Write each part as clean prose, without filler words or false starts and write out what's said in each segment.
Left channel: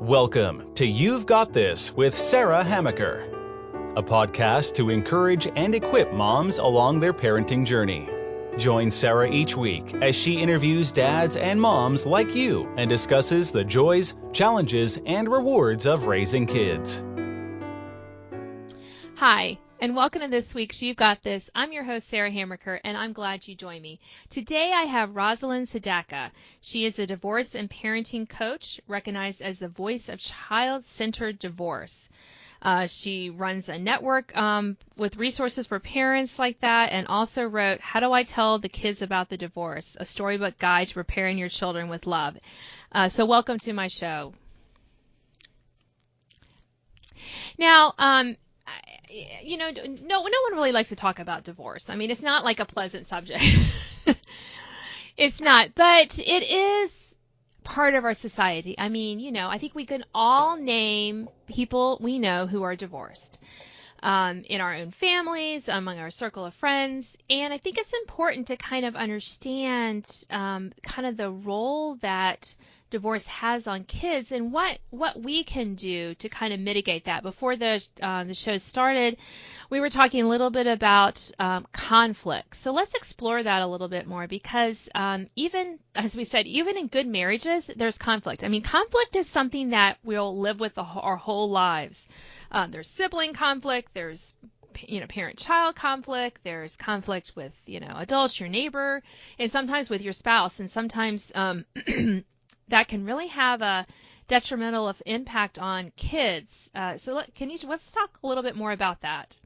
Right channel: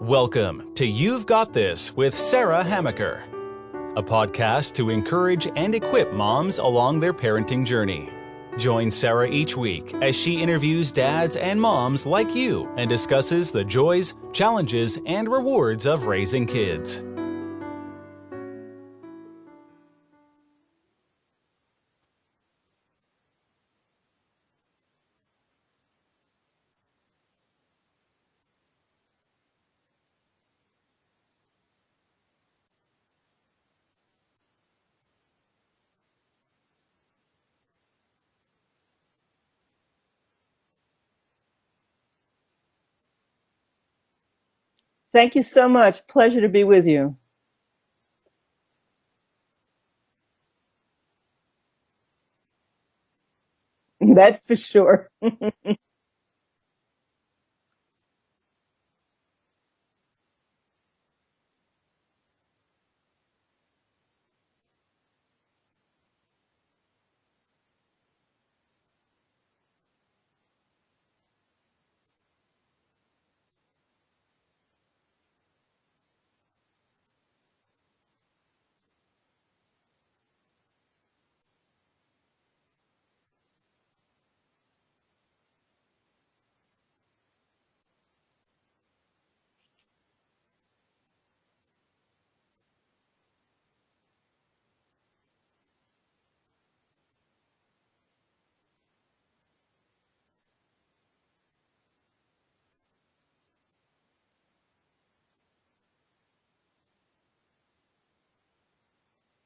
Welcome to You've Got This with Sarah Hamaker, a podcast to encourage and equip moms along their parenting journey. Join Sarah each week as she interviews dads and moms like you and discusses the joys, challenges, and rewards of raising kids. Hi, and welcome to this week's You've Got This. I'm your host, Sarah Hamaker, and I'm glad you joined me. Today I have Rosalind Sadaka. She is a divorce and parenting coach, recognized as the voice of child-centered divorce. She runs a network with resources for parents like that, and also wrote How Do I Tell the Kids About the Divorce? A Storybook Guide to Preparing Your Children with Love. So welcome to my show. Thank you so much. Pleasure to be with you. Now, no one really likes to talk about divorce. I mean, it's not like a pleasant subject. That's for sure. It's not, but it is part of our society. I mean, I think we can all name people we know who are divorced in our own families, among our circle of friends. And I think it's important to kind of understand kind of the role that divorce has on kids and what we can do to kind of mitigate that. Before the show started, we were talking a little bit about conflict. So let's explore that a little bit more because even, as we said, even in good marriages, there's conflict. I mean, conflict is something that we'll live with our whole lives. There's sibling conflict, there's parent-child conflict, there's conflict with, adults, your neighbor, and sometimes with your spouse, and sometimes that can really have a detrimental impact on kids. Let's talk a little bit more about that.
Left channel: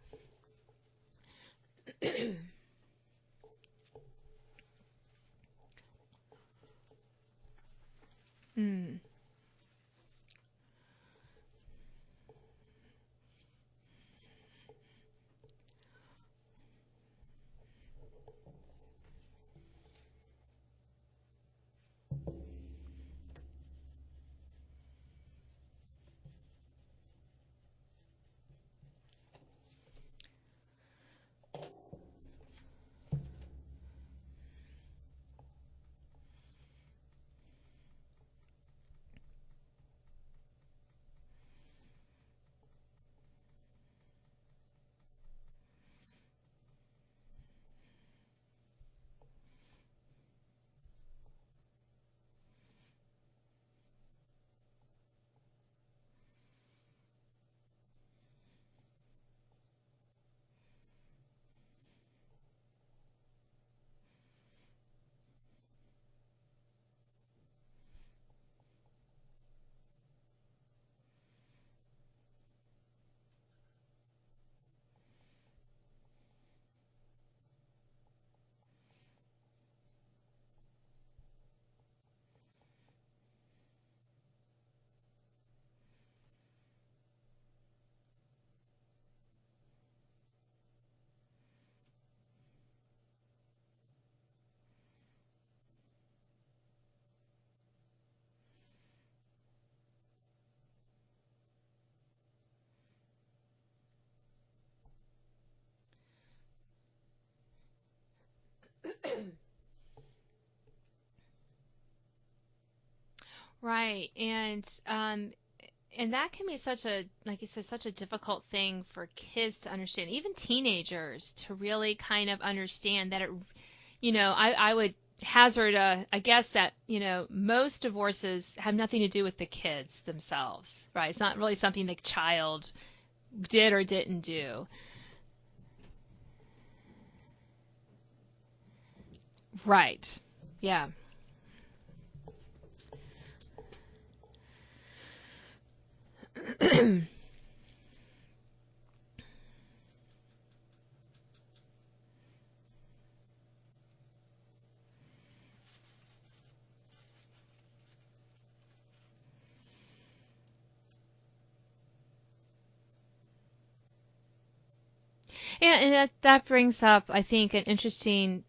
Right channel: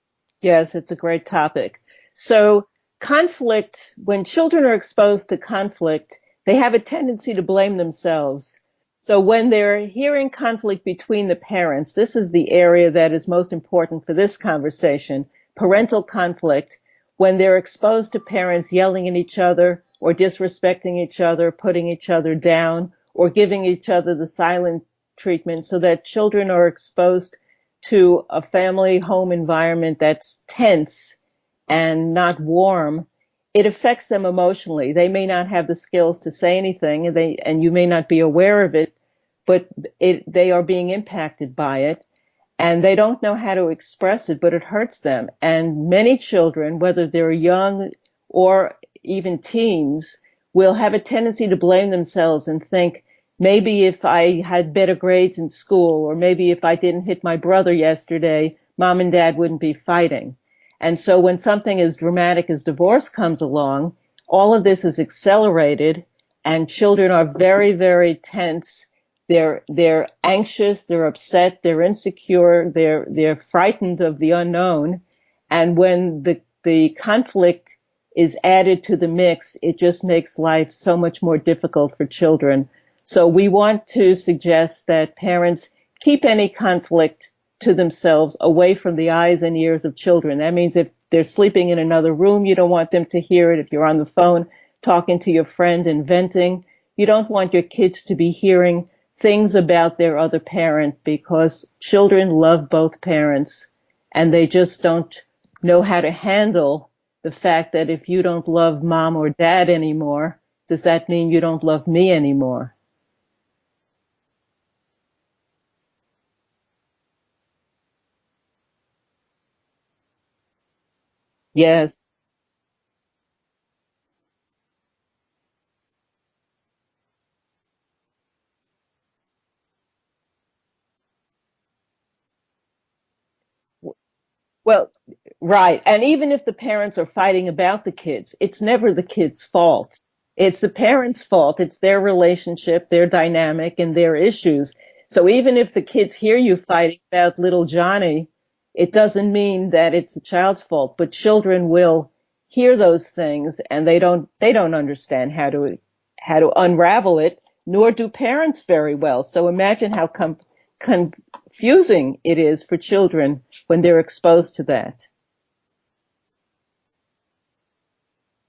Yes, it's a great topic. So conflict, when children are exposed to conflict, they have a tendency to blame themselves. So when they're hearing conflict between the parents, this is the area that is most important for this conversation, parental conflict, when they're exposed to parents yelling at each other or disrespecting each other, putting each other down, or giving each other the silent treatment, so that children are exposed to a family home environment that's tense and not warm, it affects them emotionally. They may not have the skills to say anything, and you may not be aware of it, but they are being impacted by it, and they don't know how to express it, but it hurts them. And many children, whether they're young or even teens, will have a tendency to blame themselves and think, maybe if I had better grades in school, or maybe if I didn't hit my brother yesterday, mom and dad wouldn't be fighting. And so when something as dramatic as divorce comes along, all of this is accelerated, and children are very, very tense. They're anxious, they're upset, they're insecure, they're frightened of the unknown. And when the conflict is added to the mix, it just makes life so much more difficult for children. So we want to suggest that parents keep any conflict to themselves, away from the eyes and ears of children. That means if they're sleeping in another room, you don't want them to hear it. If you're on the phone talking to your friend and venting, you don't want your kids to be hearing things about their other parent, because children love both parents and they just don't know how to handle the fact that if you don't love mom or dad anymore, does that mean you don't love me anymore? Right, and that can be like you said, such a difficult thing for kids to understand, even teenagers to really kind of understand that I would hazard a guess that, most divorces have nothing to do with the kids themselves, right? It's not really something the child did or didn't do. Well, right. And even if the parents are fighting about the kids, it's never the kids' fault. Right. It's the parents' fault. It's their relationship, their dynamic, and their issues. So even if the kids hear you fighting about little Johnny, it doesn't mean that it's the child's fault. But children will hear those things, and they don't understand how to unravel it, nor do parents very well. So imagine how confusing it is for children when they're exposed to that. Yeah, and that brings up, I think, an interesting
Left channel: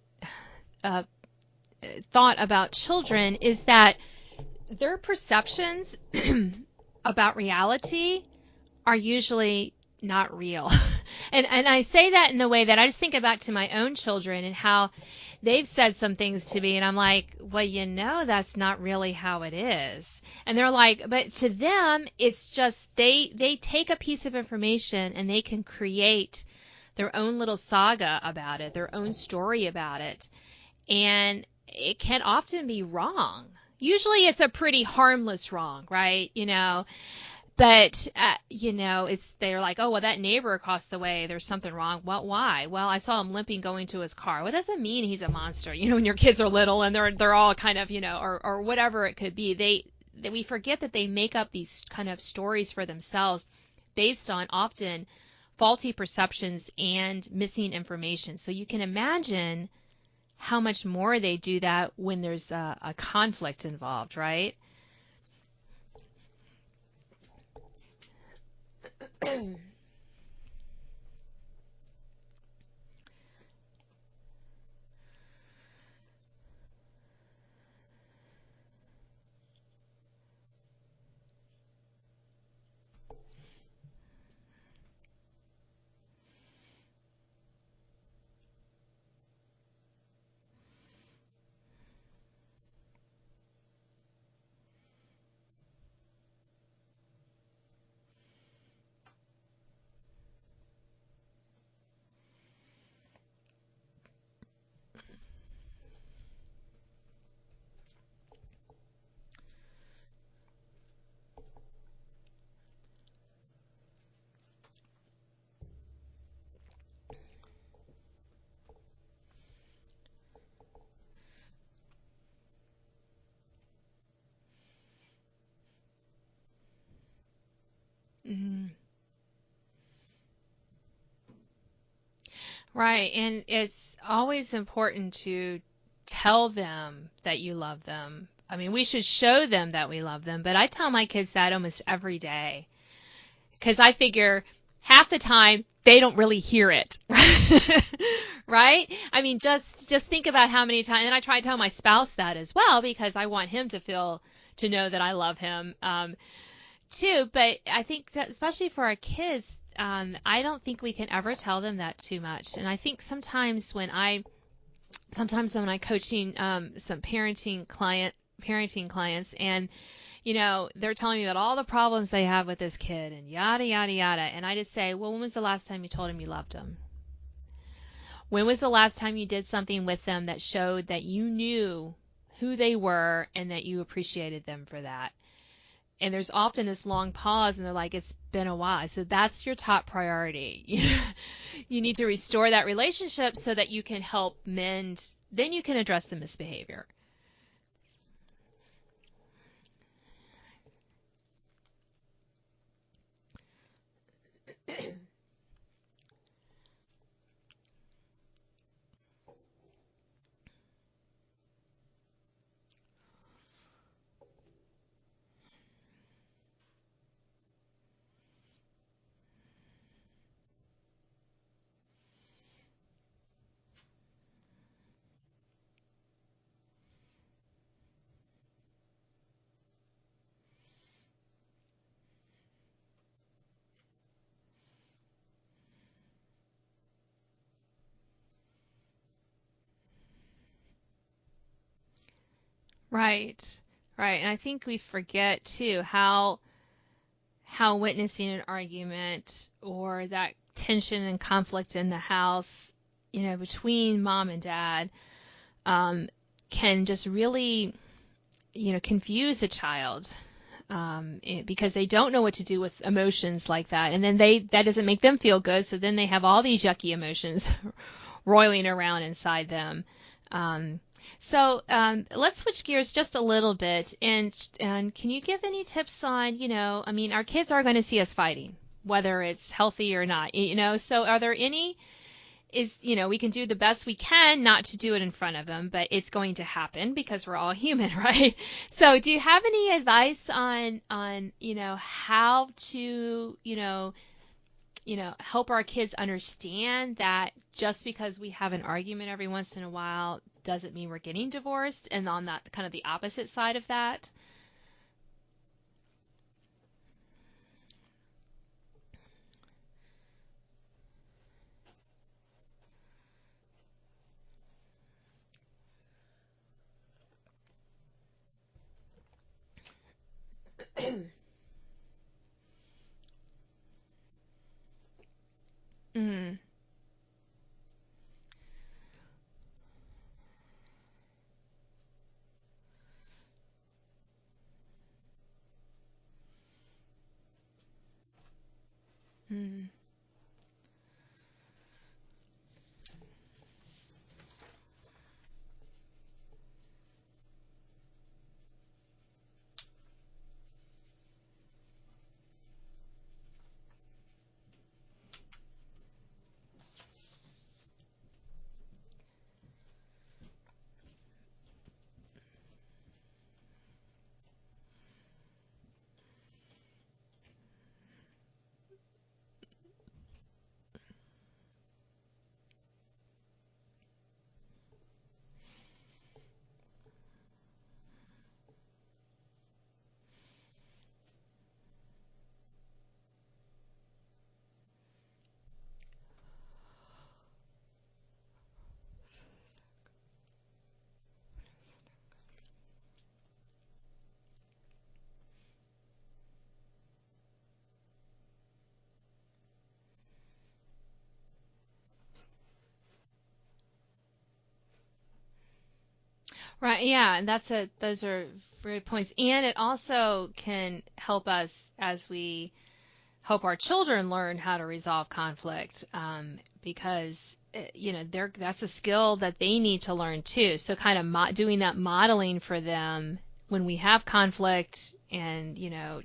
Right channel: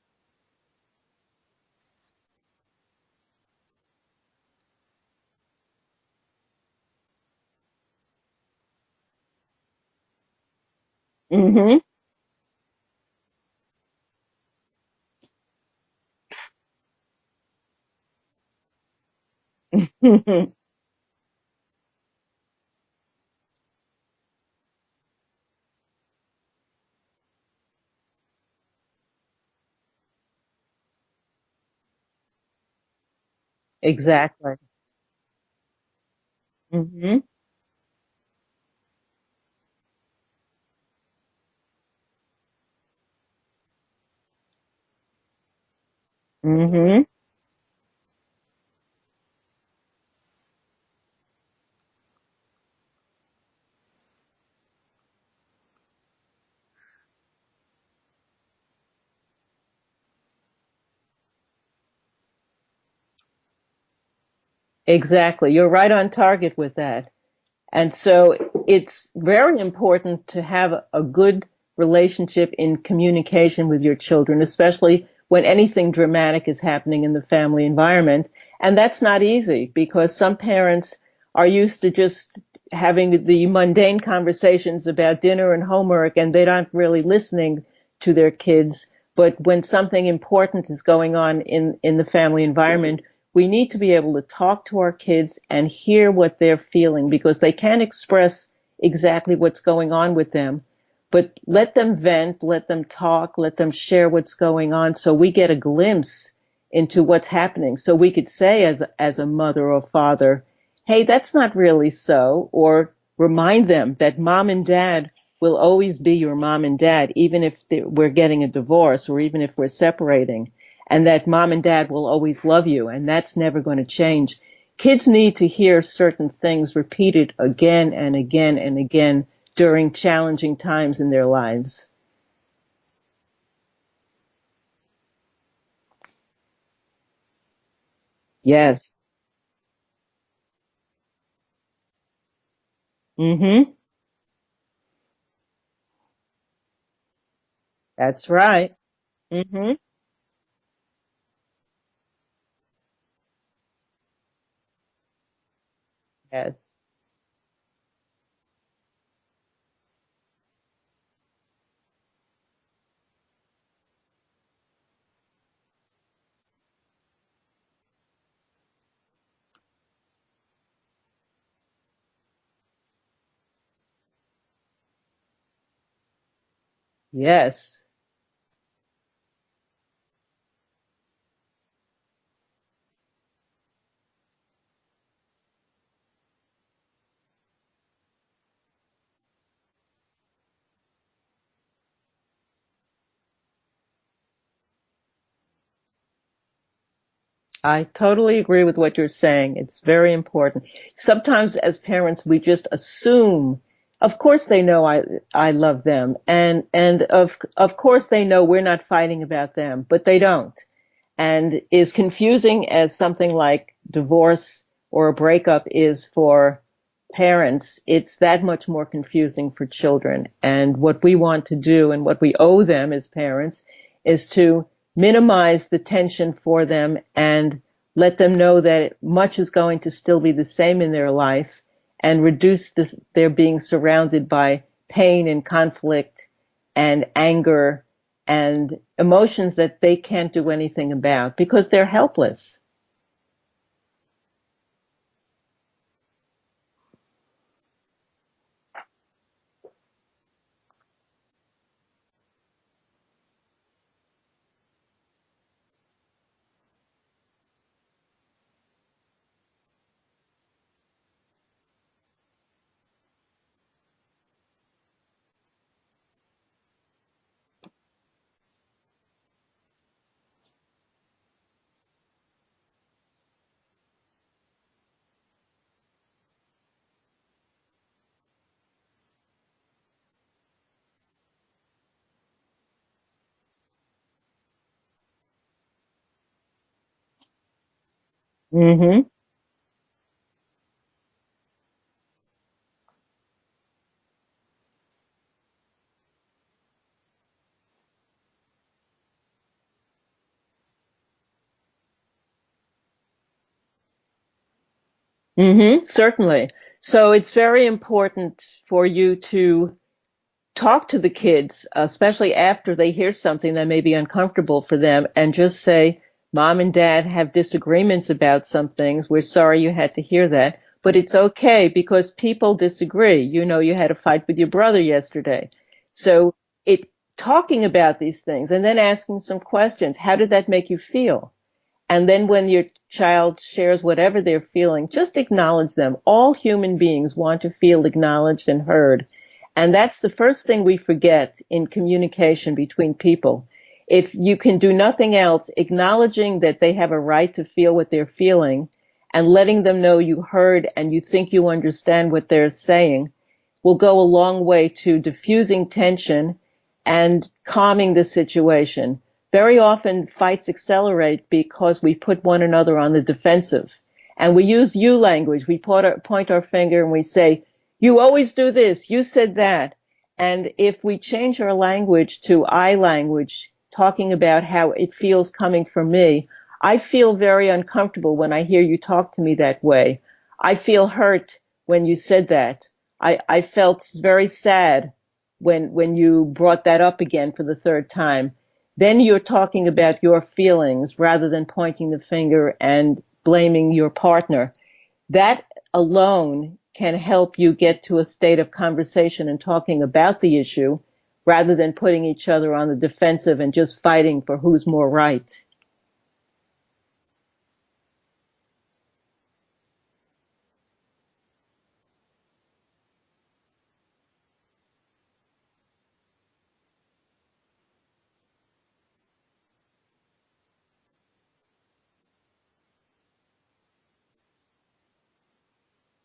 thought about children is that their perceptions about reality are usually not real. And I say that in the way that I just think back to my own children and how they've said some things to me and I'm like, well, that's not really how it is. And they're like, but to them, it's just they take a piece of information and they can create their own little saga about it, their own story about it. And it can often be wrong. Usually it's a Exactly. pretty harmless wrong, right? Hmm. But they're like, oh well, that neighbor across the way, there's something wrong. Well, why? Well, I saw him limping going to his car. What does that mean? He's a monster. When your kids are little and Hmm. they're all kind of or whatever it could be. We forget that they make up these kind of stories for themselves based on often faulty perceptions and missing information. So you can imagine how much more they do that when there's a conflict involved, right? Exactly. You're right on target with that. And so it's very important to have a good relationship in communication with your children, especially when anything dramatic is happening in the family environment. And that's not easy because some parents are used to just having the mundane conversations about dinner and homework, and they're not really listening to their kids. But when something important is going on in the family environment, we need to be able to talk to our kids and hear what they're feeling because they can't express exactly what's going on with them. But let them vent, let them talk, let them share what's going on so we get a glimpse into what's happening. So we could say as a mother or father, hey, that's not really so, or remind them that mom and dad will always be your mom and dad, even if we're getting a divorce or even if we're separating, and that mom and dad will always love you, and that's never going to change. Kids need to hear certain things repeated again and again and again during challenging times in their lives. Right. And it's always important to tell them that you love them. I mean, we Yes. should show them that we love them, but I tell my kids that almost every day Mm-hmm. because I figure half the time they don't really hear it. That's right. Right? I mean, Mm-hmm. just think about how many times, and I try to tell my spouse that as well because I want him to know that I love him. Yes. Too, but I think that especially for our kids, I don't think we can ever tell them that too much. And I think sometimes when I coaching some parenting clients, and they're telling me about all the problems they have with this kid and yada yada yada, and I just say, well, when was the last time you told him you loved him? Yes. When was the last time you did something with them that showed that you knew who they were and that you appreciated them for that? And there's often this long pause and they're like, it's been a while. So that's your top priority. You need to restore that relationship so that you can help mend, then you can address the misbehavior. I totally agree with what you're saying. It's very important. Sometimes as parents, we just assume, of course they know I love them. And of course they know we're not fighting about them, but they don't. And as confusing as something like divorce or a breakup is for parents, it's that much more confusing for children. And what we want to do and what we owe them as parents is to minimize the tension for them and let them know that much is going to still be the same in their life and reduce their being surrounded by pain and conflict and anger and emotions that they can't do anything about because they're helpless. Right. Right. And I think we forget too how witnessing an argument or that tension and conflict in the house, between mom and dad, can just really, confuse a child because they don't know what to do with emotions like that, and then that doesn't make them feel good. So then they have all these yucky emotions roiling around inside them. Um, let's switch gears just a little bit, and can you give any tips on, I mean, our kids are going to see us fighting, whether it's healthy or not, So are there any we can do the best we can not to do it in front of them, but it's going to happen because we're all human, right? So Mm-hmm. do you have any advice on how to help our kids understand that just because we have an argument every once in a while doesn't mean we're getting divorced, and on that kind of the opposite side of that? Mm-hmm. Certainly. So it's very important for you to talk to the kids, especially after they hear something that may be uncomfortable for them, and just say, Mom and Dad have disagreements about some things. We're sorry you had to hear that, but it's okay because people disagree. You know, you had a fight with your brother yesterday. So Mm. it talking about these things and then asking some questions. How did that make you feel? And then when your child shares whatever they're feeling, just acknowledge them. All human beings want to feel acknowledged and heard. Mm. And that's the first thing we forget in communication between people. If you can do nothing else, acknowledging that they have a right to feel what they're feeling and letting them know you heard and you think you understand what they're saying will go a long way to diffusing tension and calming the situation. Very often fights accelerate because we put one another on the defensive. And we use you language. We point our finger and we say, you always do this. You said that. And if we change our language to I language, talking about how it feels coming from me, I feel very uncomfortable when I hear you talk to me that way. I feel hurt when you said that. I felt very sad when you brought that up again for the third time. Then you're talking about your feelings rather than pointing the finger and blaming your partner. That alone can help you get to a state of conversation and talking about the issue rather than putting each other on the defensive and just fighting for who's more right. Right. Yeah. And those are great points. And it also can help us as we help our children learn how to resolve conflict, because that's a skill that they need to learn too. So kind of doing that modeling for them when we have conflict and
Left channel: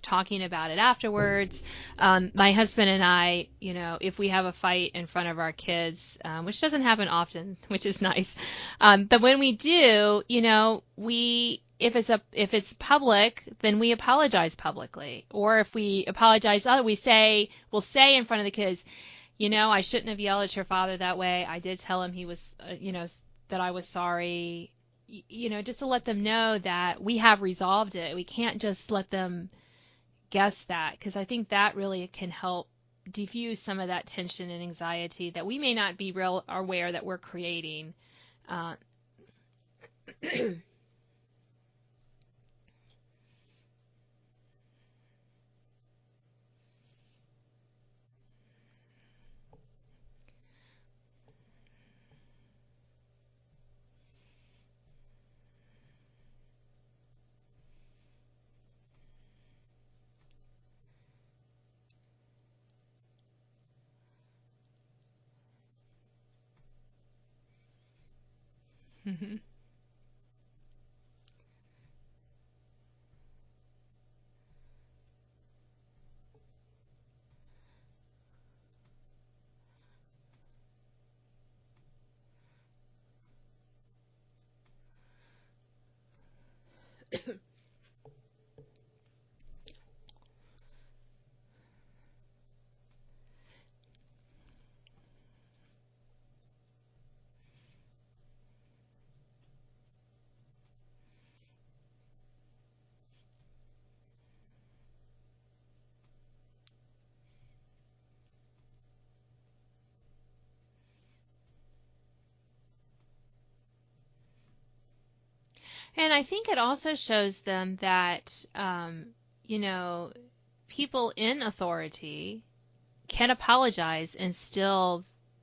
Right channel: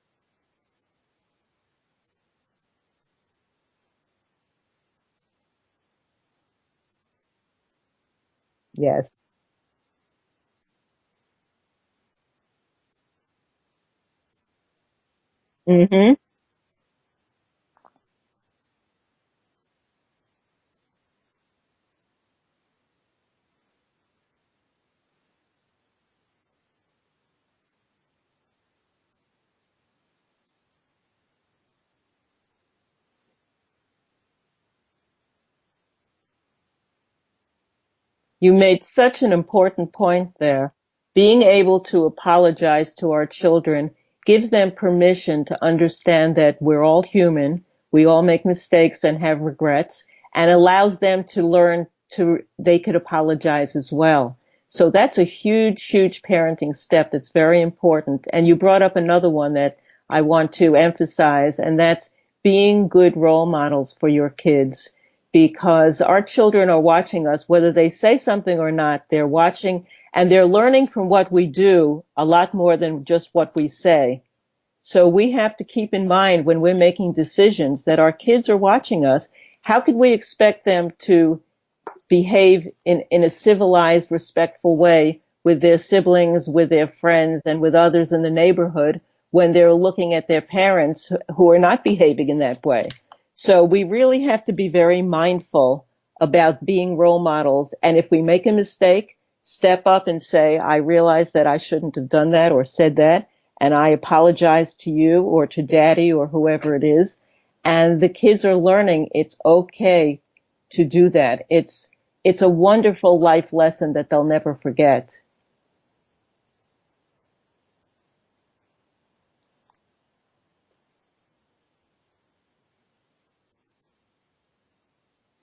talking about it afterwards. My husband and I, if we have a fight in front of our kids, which doesn't happen often, which is nice, Yes. but when we do, we if it's public, then we apologize publicly. Or if we Mm-hmm. apologize, we'll say in front of the kids, I shouldn't have yelled at your father that way. I did tell him he was, that I was sorry. Just to let them know that we have resolved it. We can't just let them guess that, because I think that really can help diffuse some of that tension and anxiety that we may not be real aware that we're creating. You Uh, made such an important point there. Being able to apologize to our children gives them permission to understand that we're all human, we all make mistakes and have regrets, and allows them to learn they could apologize as well. So that's a huge, huge parenting step that's very important. And you brought up another one that I want to emphasize, and that's being good role models for your kids, because our children are watching us, whether they say something or not. They're mhm. watching and they're learning from what we do a lot more than just what we say. So we have to keep in mind when we're making decisions that our kids are watching us. How could we expect them to behave in a civilized, respectful way with their siblings, with their friends, and with others in the neighborhood when they're looking at their parents who are not behaving in that way? So we really have to be very mindful about being role models. And if we make a mistake, step up and say, I realize that I shouldn't have done that or said that, and I apologize to you or to daddy or whoever it is. And the kids are learning it's okay to do that. It's a wonderful life lesson that they'll never forget. And I think it also shows them that, you know, people in authority can apologize and still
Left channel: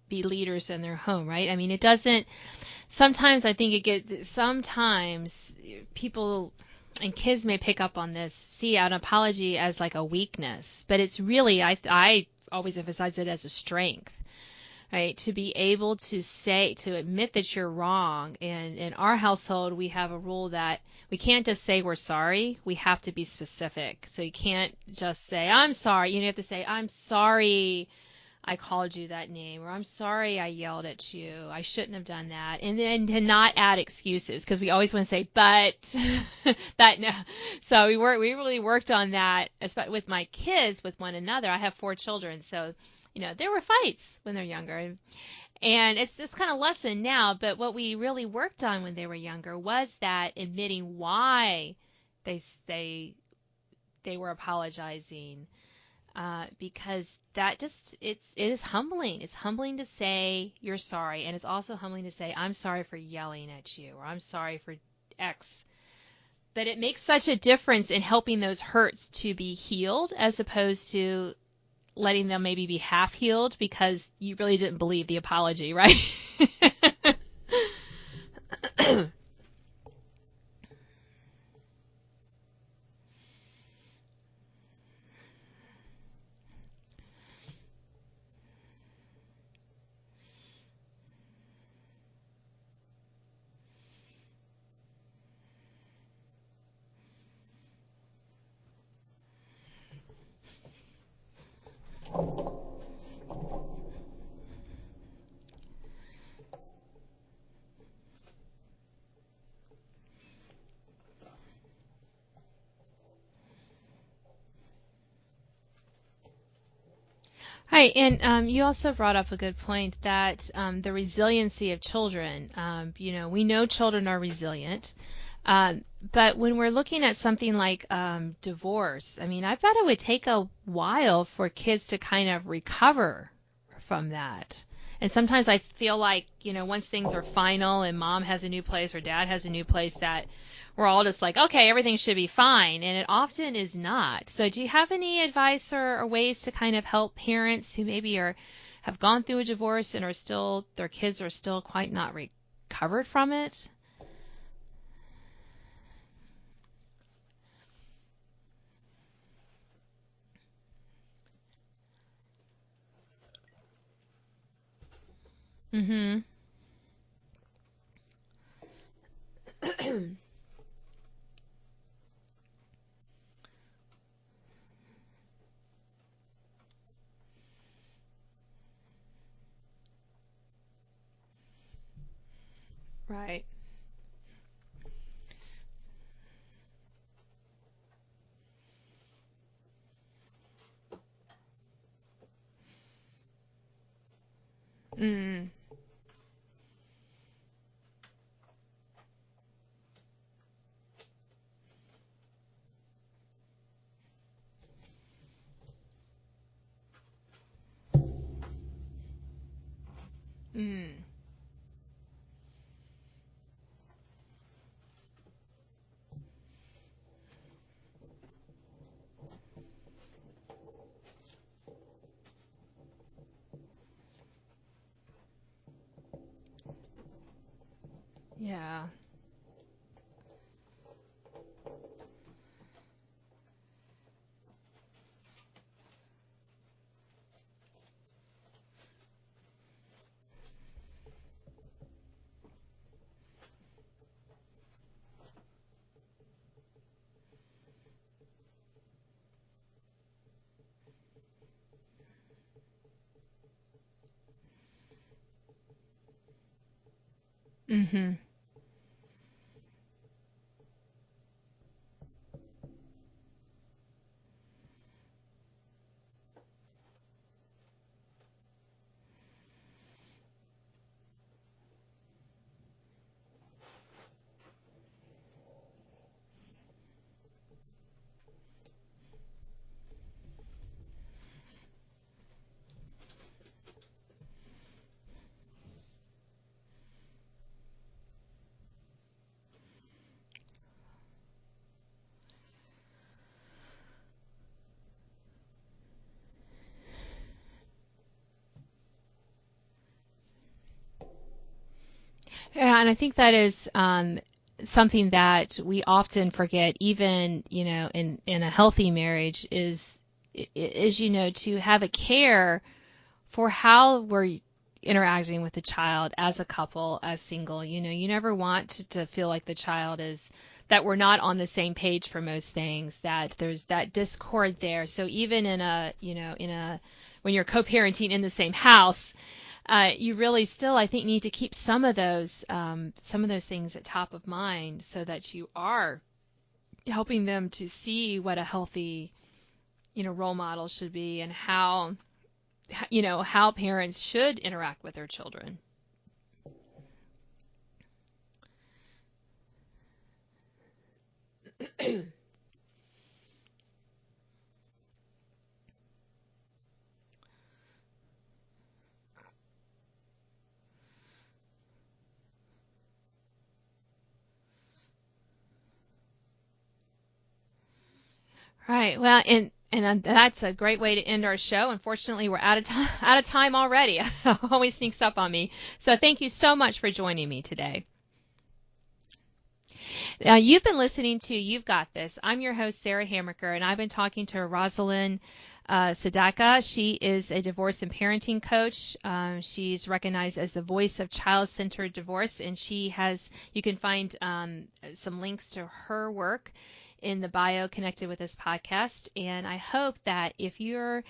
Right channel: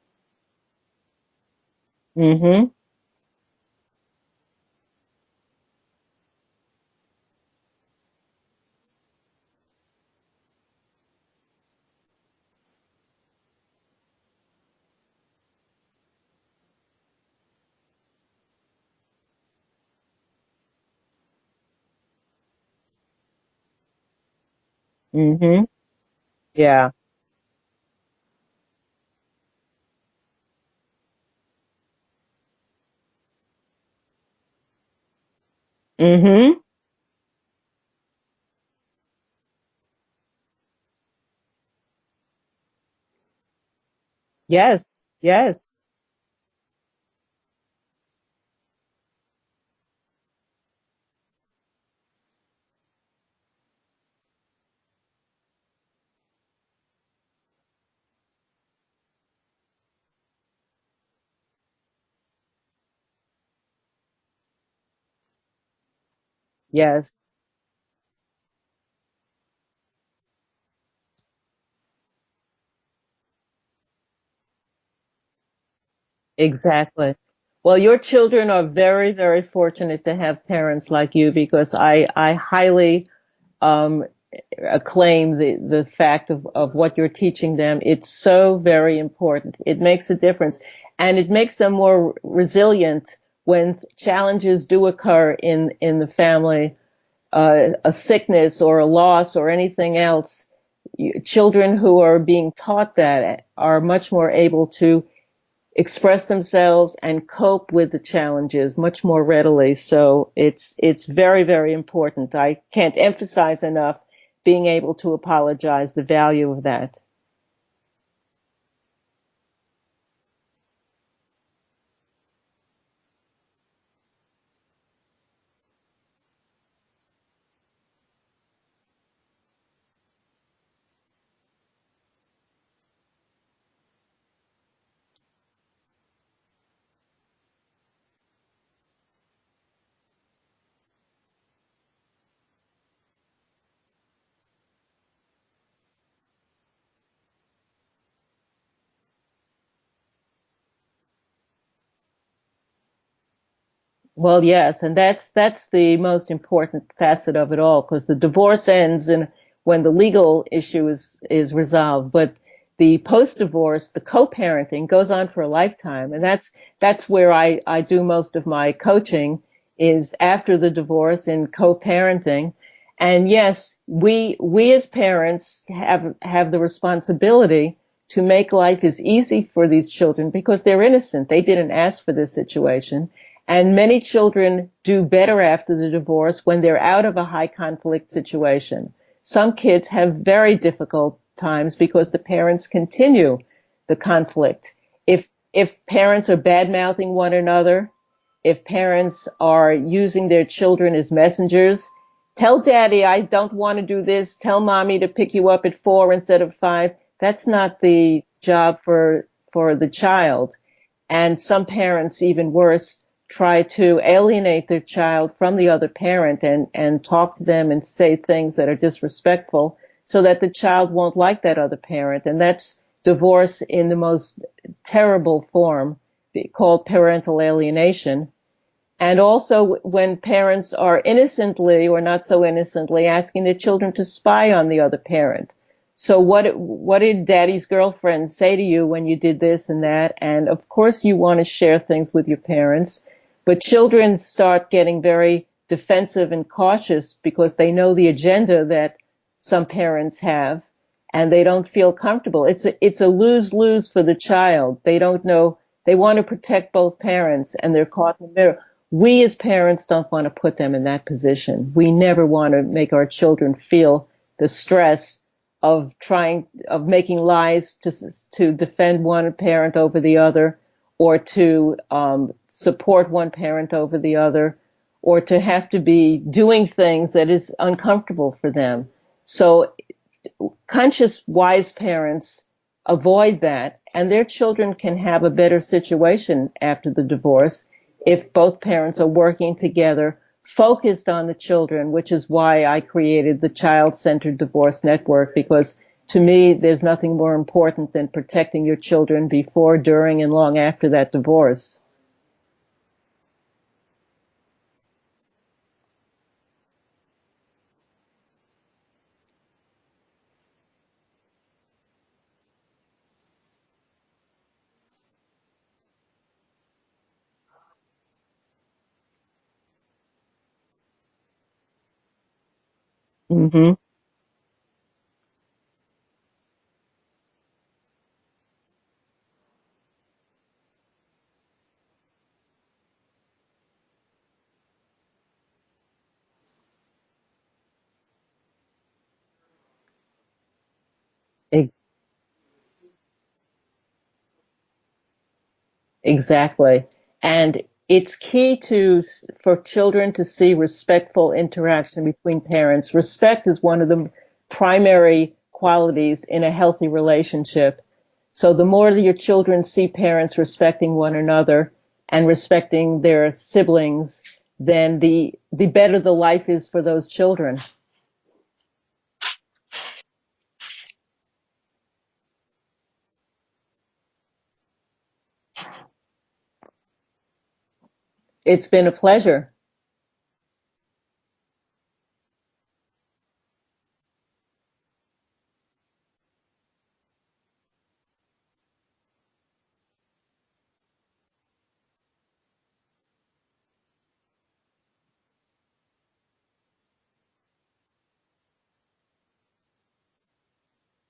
be leaders in their home, right? I mean, it doesn't, Mm-hmm. sometimes I think sometimes people and kids may pick up on this, see an apology as like a weakness, but it's really, I always emphasize it as a strength, right? To be able to say, to admit that you're wrong. And in our household, we have a rule that we can't just say we're sorry. We have to be specific. So you can't just say, Mm-hmm. I'm sorry. You have to say, I'm Yeah. sorry I called you that name, or I'm sorry I yelled at you. I shouldn't have done that. And then to not add excuses, because we always want to say, but, Mm-hmm. but no. So we really worked on that, especially with my kids, with one another. I have 4 children, so there were fights when they're younger, and, Yes. Yes. and it's kind of lesson now. But what we really worked on when they were younger was that admitting why they they they were apologizing, because that just it is humbling. It's humbling to say you're sorry, and it's also humbling to say I'm sorry for yelling at you, or I'm sorry for X. But it makes Yes. such a difference in helping those hurts to be healed as opposed to letting them maybe be half healed because you really didn't believe the apology, right? Exactly. Well, your children are very, very fortunate to have parents like you because I highly um, acclaim the fact of what you're teaching them. It's so very important. It makes a difference, and it makes them more resilient when challenges do occur in the family, a sickness or a loss or anything else. Children who are being taught that are much more able to express themselves and cope with the challenges much more readily. So it's very, very important. I can't emphasize enough being able to apologize, the value of that. Right, and you also brought up a good point that the resiliency of children. We know children are resilient, but when we're looking at something like divorce, I mean, I bet it would take a while for kids to kind of recover from that. And sometimes I feel like, once things are final and mom has a new place or dad has a new place, that we're all just like, okay, everything should be fine. And it often is not. So do you have any advice or ways to kind of help parents who maybe have gone through a divorce and their kids are still quite not recovered from it? Well, yes, and that's the most important facet of it all, because the divorce ends and when the legal issue is resolved, but the post-divorce, the co-parenting goes on for a lifetime, Mm-hmm. and that's where I do most of my coaching is after the divorce in co-parenting. And yes, we as parents have the responsibility to make life as easy for these children because they're innocent. They didn't ask for this situation. Right. And many children do better after the divorce when they're out of a high conflict situation. Some kids have very difficult times because the parents continue the conflict. Mm-hmm. If parents are bad mouthing one another, if parents are using their children as messengers, tell daddy I don't want to do this, tell mommy to pick you up at 4 instead of 5. That's not the job for the child. Mm. And some parents, even worse, try to alienate their child from the other parent and talk to them and say things that are disrespectful so that the child won't like that other parent. And that's divorce in the most terrible form called parental alienation. Yeah. And also when parents are innocently or not so innocently asking their children to spy on the other parent. So what did daddy's girlfriend say to you when you did this and that? And of course you want to share things with your parents, but children start getting very defensive and cautious because they know the agenda that some parents have and they don't feel comfortable. It's a lose-lose for the child. They don't know. They want to protect both parents and they're Mm-hmm. caught in the middle. We as parents don't want to put them in that position. We never want to make our children feel the stress of making lies to defend one parent over the other, or to support one parent over the other, or to have to be doing things that is uncomfortable for them. So conscious, wise parents avoid that, and their children can have a better situation after the divorce if both parents are working together, focused on the children, which is why I created the Child-Centered Divorce Network, because to me, there's nothing more important than protecting your children before, during, and long after that divorce. Yeah, and I think that is something that we often forget, even in a healthy marriage, is to have a care for how we're interacting with the child as a couple, as single. You never want to feel like the child is that we're not on the same page for most things, that there's Mm-hmm. that discord there. So even when you're co-parenting in the same house, you really still, I think, need to keep some of those things at top of mind so that you are helping them to see what a healthy, role model should be and how parents should interact with their children. Exactly. And it's key for children to see respectful interaction between parents. Respect is one of the primary qualities in a healthy relationship. So the more that your children see parents respecting one another and respecting their siblings, then the better the life is for those children. Right. Well, and that's a great way to end our show. Unfortunately, we're out of time already. It always sneaks up on me. So thank you so much for joining me today. It's been a pleasure. Now, you've been listening to You've Got This. I'm your host, Sarah Hammaker, and I've been talking to Rosalind Sadaka. She is a divorce and parenting coach. She's recognized as the voice of child-centered divorce, and you can find some links to her work in the bio connected with this podcast. And I hope that if you're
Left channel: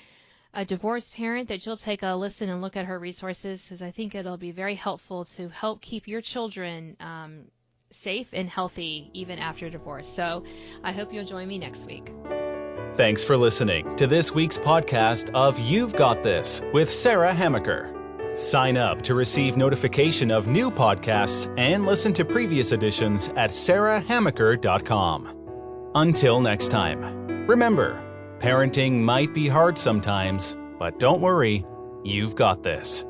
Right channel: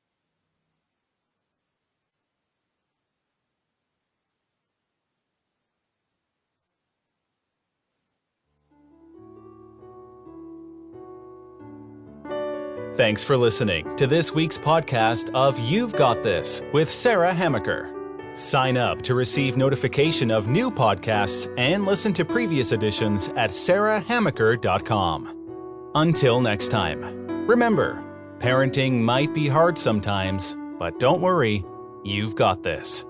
a divorced parent, that you'll take a listen and look at her resources, because I think it'll be very helpful to help keep your children safe and healthy even after divorce. So I hope you'll join me next week. Thanks for listening to this week's podcast of You've Got This with Sarah Hammaker. Sign up to receive notification of new podcasts and listen to previous editions at sarahhammaker.com. Until next time, remember, parenting might be hard sometimes, but don't worry, you've got this.